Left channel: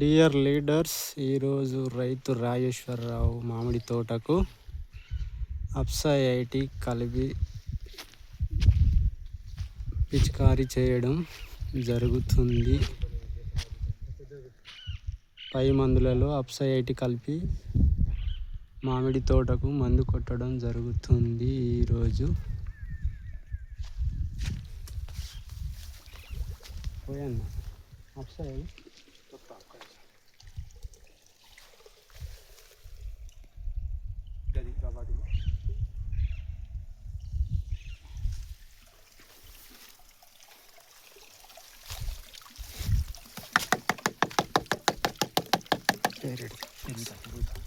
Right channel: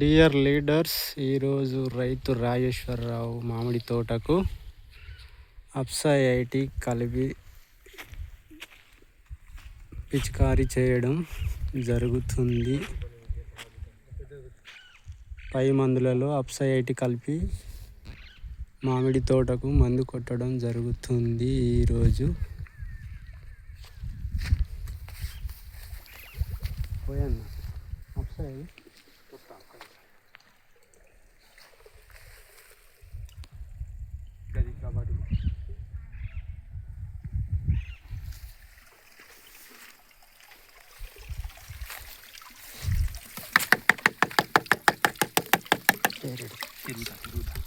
Dear leaders, ఈరోజు రైతు రాజేశ్వరరావు మామిడి తోటకు అప్సా 80 కలిపి పిచికారీ చేయడం జరుగుతుంది. పై మందులలో అప్సా 80 కలిపి మామిడి తోటకు మందు కొట్టడం జరుగుతుంది. ఈరోజు పోయన్న అప్సా పెరుగుతా